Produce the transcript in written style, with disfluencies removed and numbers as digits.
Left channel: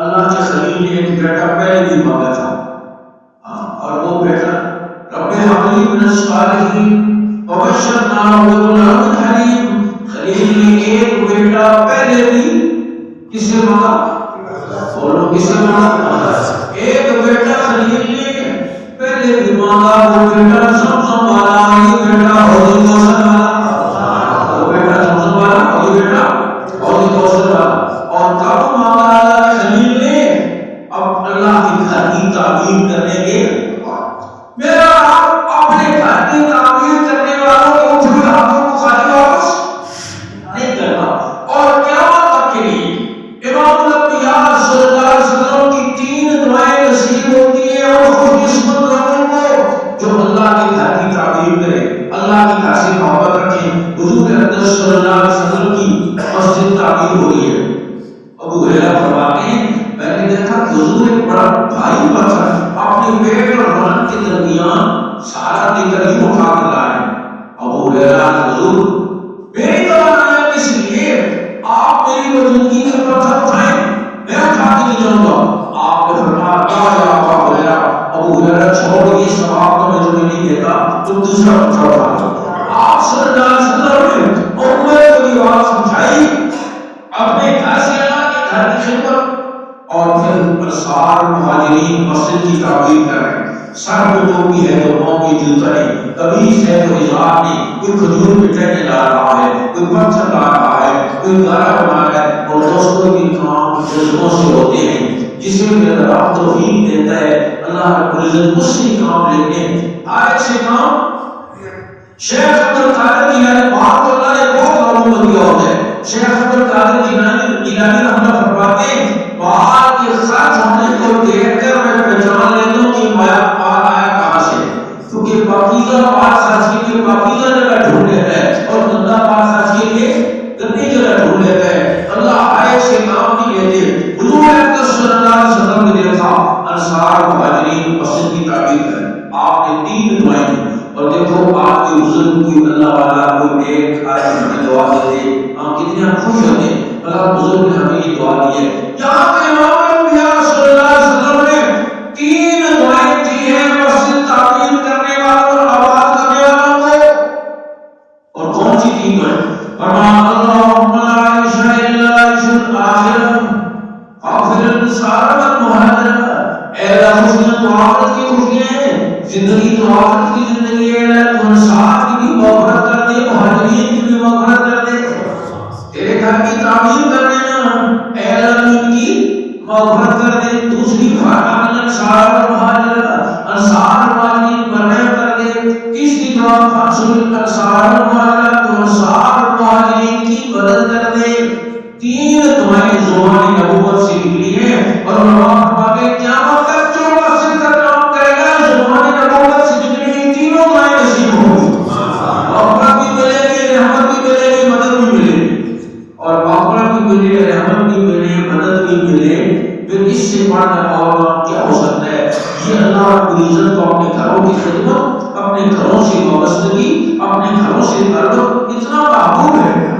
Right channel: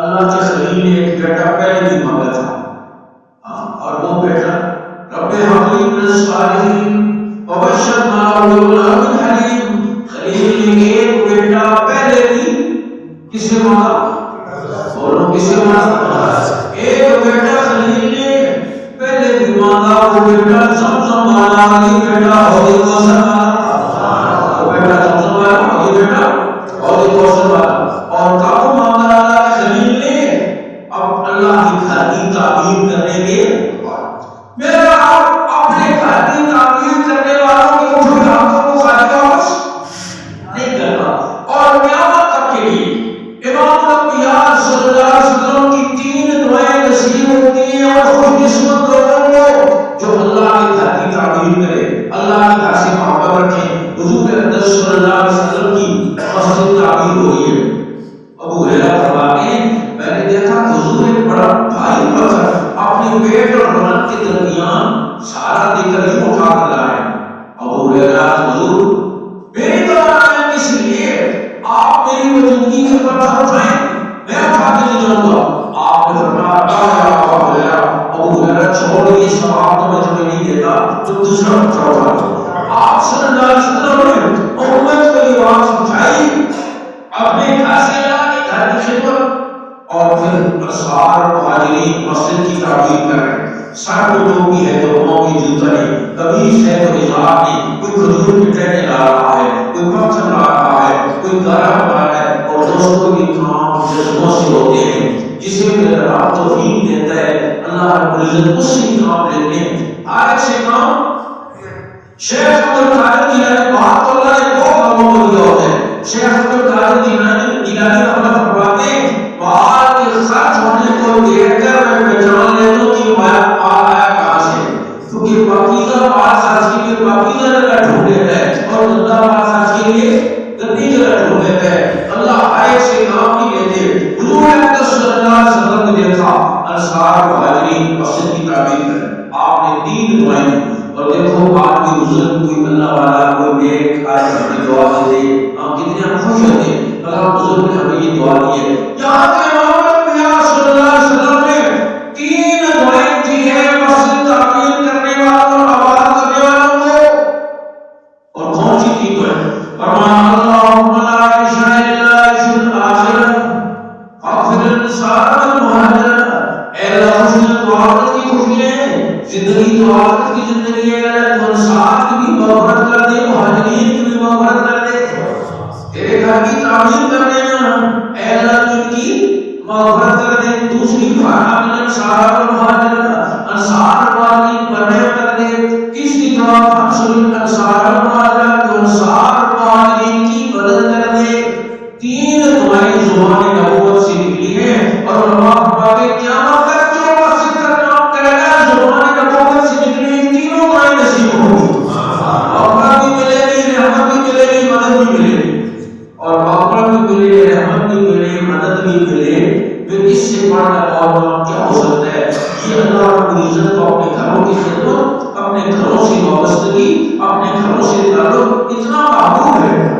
اللہ کے خلیل نے ایک بیٹا پہلے بھی مانگا تھا، اور وہ بیٹا رب ہب لی من الصالحین وبشرناہ بغلام حلیم، خلیل نے ایک بیٹا پہلے بھی کسے مانگا؟ بولو کسے مانگا؟ ایک بیٹا خلیل نے پہلے بھی مانگا، وہ بیٹا زمزم والا، یہ بیٹا حوض کوثر والا، وہ بیٹا زمزم والا، یہ بیٹا حوض کوثر والا۔ اور کب مانگا اللہ کے خلیل نے؟ اب اللہ کے گھر کی تعمیر کرنے کے میرا آپ اپنے گھر کی تعمیر کرنے والوں کے اٹھے ہاتھوں کو خالی واپس نہیں کرنا، اور قیامت تک کے لیے امام الانبیاء صلی اللہ علیہ وسلم کی 3 دعائیں نصیب ہوتی ہیں اور خوش قسمت لوگوں کو جو اللہ کے گھر کی تعمیر کرے، اللہ کے گھر سے محبت رکھے۔ حضور اقدس صلی اللہ علیہ وسلم کی مسجد تعمیر ہو رہی ہے، ابو ہریرہ فرماتے ہیں میں نے دیکھا کہ حضور ایک بڑا بھاری پتھر اپنے پیٹ اور بدن کے درمیان سارا دے کر یوں اٹھا کر لائے۔ ابو ہریرہ حضور میری توانائی ہے، اس لیے آپ میری موجودگی میں پتھر اٹھائیں، میں اٹھا کے لے جاؤں گا۔ آپ نے فرمایا یا ابو ہریرہ، ابو ہریرہ چھوڑ یہ ثواب تو میں تمہیں نہیں دیتا، تم دوسرا پتھر اٹھا لو۔ آپ صلی اللہ علیہ وسلم نے امت کو یہ بات سمجھائی، اپنے گھر سے اللہ کے گھر کی خدمت، اور پھر انصار مہاجرین مسجد کی تعمیر کر رہے ہیں۔ سر کو ٹوپی ہے تو پاؤں کی جوتا نہیں، قمیص ہے تو ہزار نہیں، کوئی کھجور کے ٹہنے لا رہا ہے، کوئی پتھر لا رہا ہے، کوئی گارا بنا رہا ہے۔ اور دوستوں یہ کام جذبوں سے ہوتے ہیں، جسے میرا رب توفیق دیتا ہے اللہ رب العزت اس سے کام لیتے ہیں۔ آج سے کام شیخ عبد القادر جیلانی، بات تو اللہ نے بہت لوگوں کو دیا ہوتا ہے۔ شیخ عبد القادر جیلانی رحمۃ اللہ فرماتے ہیں مال کے خرچ ہونے کو دیکھ کر میں پہچان لیتا ہوں کہ مال آیا کہاں سے، کیونکہ پاکیزہ مال خرچ کے لیے پاکیزہ جگہ ڈھونڈ لیتا ہے اور گندا مال خرچ کے لیے گندی جگہ ڈھونڈ لیتا ہے۔ اللہ آئے سے کام نہیں لیتے۔ حضور اقدس صلی اللہ علیہ وسلم نے دیکھا انصار مہاجرین مسجد کی تعمیر کر، آپ نے 3 دعائیں دی۔ اور دیکھو آپ کے بزرگ کوئی اللہ والا کوئی نیک آج ہمیں دعا دیتے، ہم کتنے خوش ہوتے ہیں اللہ بزرگ نے ہمیں یہ دعا دی ہے۔ یہاں پہ امام الانبیاء صلی اللہ علیہ وسلم نے 3 دعائیں دی ہیں مسجد تعمیر کرنے والوں اور آباد کرنے والوں کو۔ اور کون سی 3 دعائیں؟ فرمایا اللہم لا عیش الا عیش الآخرہ اغفر الانصار والمہاجرہ، اے اللہ خوشیاں تو آخرت کی خوشیاں ہیں، زندگی تو آخرت کی زندگی ہے، اللہ تو انصار کی بھی مغفرت کر دے، مہاجرین کی بھی مغفرت کر دے۔ تیرے گھر کی تعمیر کرنے نا، اے اللہ تو ان کی مغفرت کر دے۔ دوسری فرحہ من انصار والمہاجرہ، انصار اور مہاجرین پر رحم کر دے۔ تیسری دعا فانصر الانصار والمہاجرہ، تو انصار اور مہاجرین کی مدد کر دے۔ 3 دعائیں زبان نبوت سے نکلی ہیں، اور علماء فرماتے ہیں قیامت تک جو مسجد کا کام کرے گا زبان نبوت سے نکلی ہوئی 3 دعائیں نصیب ہوگی، مغفرت بھی ملے گی، رحمت بھی ملے گی، مدد بھی ملے گی۔ اور مغفرت بھی ملے، رحمت بھی ملے، مدد بھی ملے، پھر اس سے بڑھ کر اور کام کیا ہو سکتا ہے؟ یہ اللہ رب العزت کو اپنے گھروں کی خدمت، اپنے گھروں سے وابستگی، اپنے گھروں سے تعلق اتنا محبوب ہے۔